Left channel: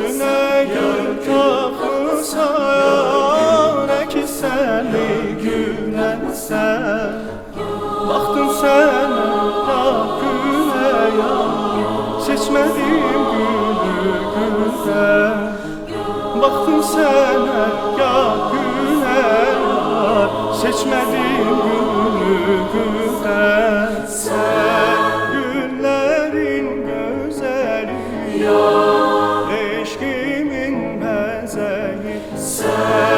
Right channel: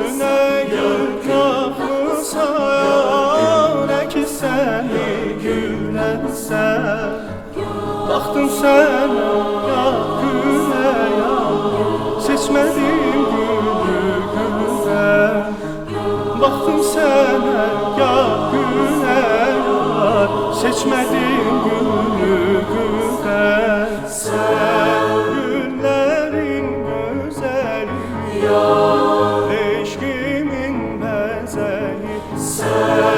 Düşünə gül tapmısan, ki sən mi gülənsən? Baxdım sənə ya gülə ya, seçmədim gülü güldən. Baxdım sənə ya gülə ya, seçmədim gülü güldən. Sən güllərin gözəli ya, eşqimin məzəyi. Sən